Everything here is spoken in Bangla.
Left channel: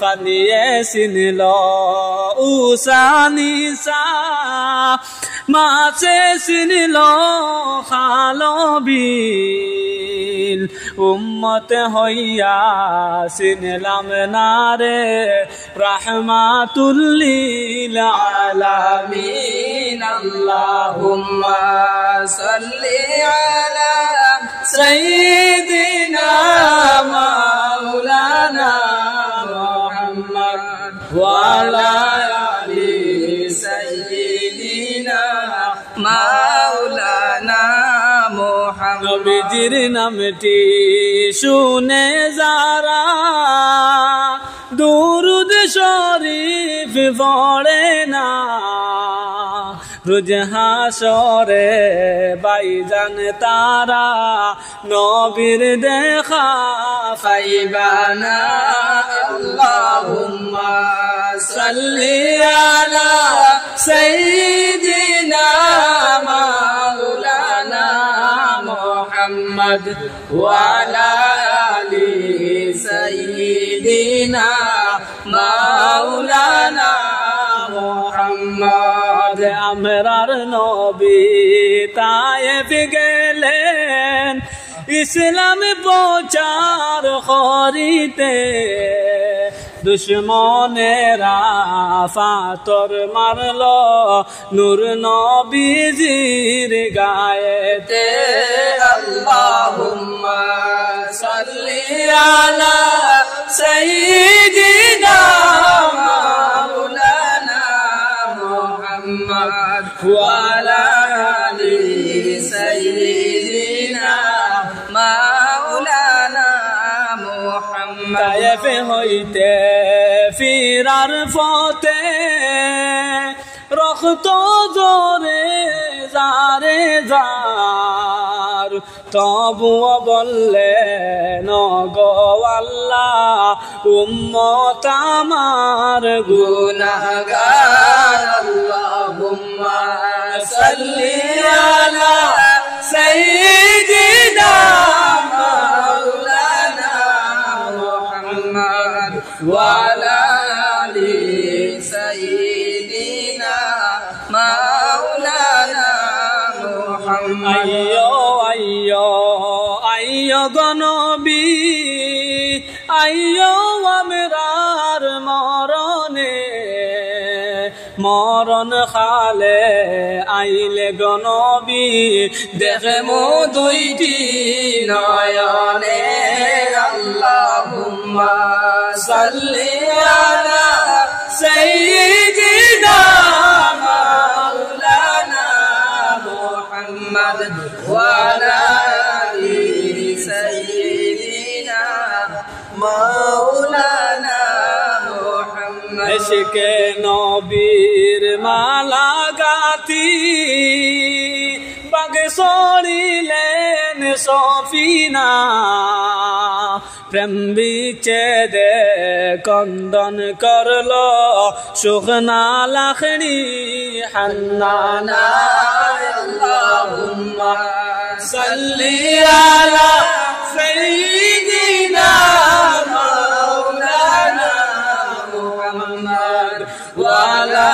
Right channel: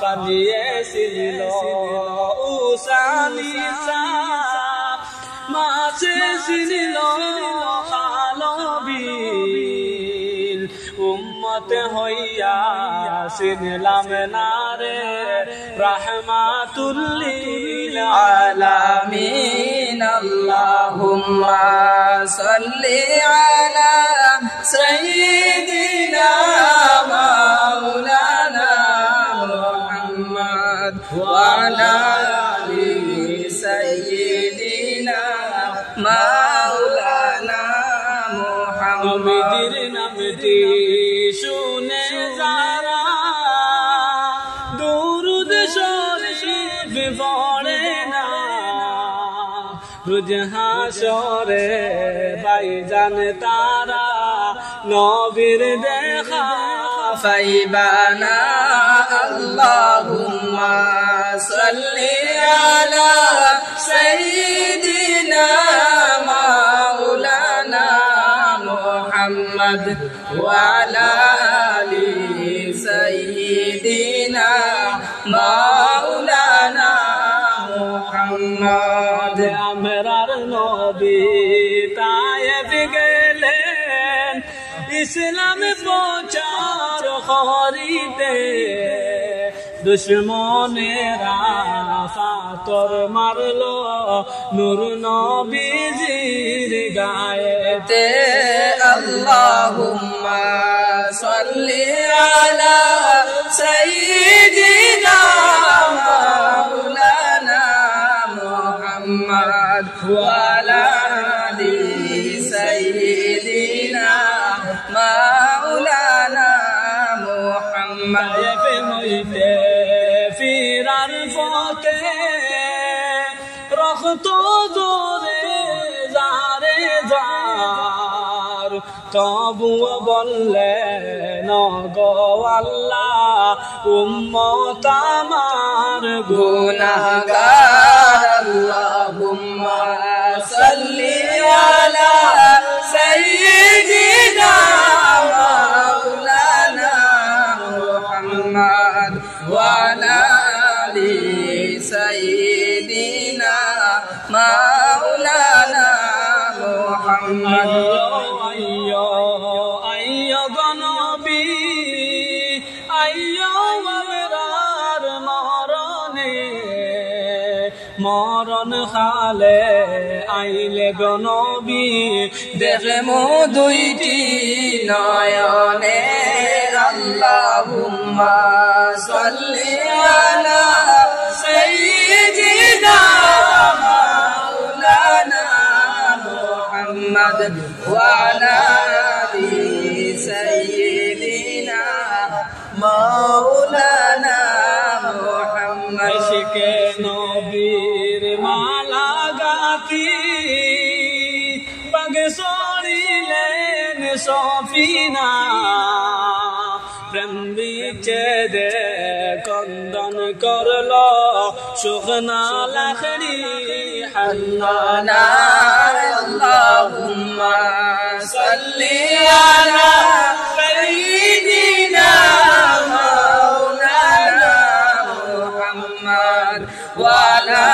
ফানিয়ে চিনিল উষানিশা মাছে চিনিল খালবিল উম্মতে হইয়া চিনিলাম নারে রাহমাতুল লিল আলামিন আল্লাহুম্মা সাল্লি আলা সাইয়্যিদিনা মাওলানা মুহাম্মদ ওয়া আলা আলি সাইয়্যিদিনা মাওলানা মুহাম্মদ নবীজির নামটি শুনে যারা দুরূদ শরীফ পড়ে না রোজ হাসরে বাইজান তারা নবীর দেখা পাইবানা আল্লাহুম্মা সাল্লি আলা সাইয়্যিদিনা মাওলানা মুহাম্মদ ওয়া আলা আলি সাইয়্যিদিনা মাওলানা মুহাম্মদ আমরার নবী তায়েফ গেলেন ইসলাম প্রচার করিতে দুশ্মনেরা ফাতর মারল নূর নবীজির গায়েতে আল্লাহুম্মা সাল্লি আলা সাইয়্যিদিনা মাওলানা মুহাম্মদ ওয়া আলা আলি সাইয়্যিদিনা মাওলানা মুহাম্মদ হইতে ফিরার পথে রক্ত জোরে জারে যার তবুও বললেন গো আল্লাহ উম্মত আমার গুনাহগার আল্লাহুম্মা সাল্লি আলা সাইয়্যিদিনা মাওলানা মুহাম্মদ ওয়া আলা আলি সাইয়্যিদিনা মাওলানা মুহাম্মদ আইয়ো আইয়ো গনবী আইয়ো আমরার মরণে মরণ খালে আইলে গনবী দেখে মো দুইটি নয়নে আল্লাহুম্মা সাল্লি আলা সাইয়্যিদিনা মাওলানা মুহাম্মদ ওয়া আলা আলি সাইয়্যিদিনা মাওলানা মুহাম্মদ ইশকে নবীর মালা গাতি পাগ সরিলেন সফিনা প্রেম বিচ্ছেদে কন্দন করল শুকনা লাখড়ি হান্নানা আল্লাহুম্মা সাল্লি আলা সাইয়্যিদিনা মাওলানা মুহাম্মদ ওয়া আলা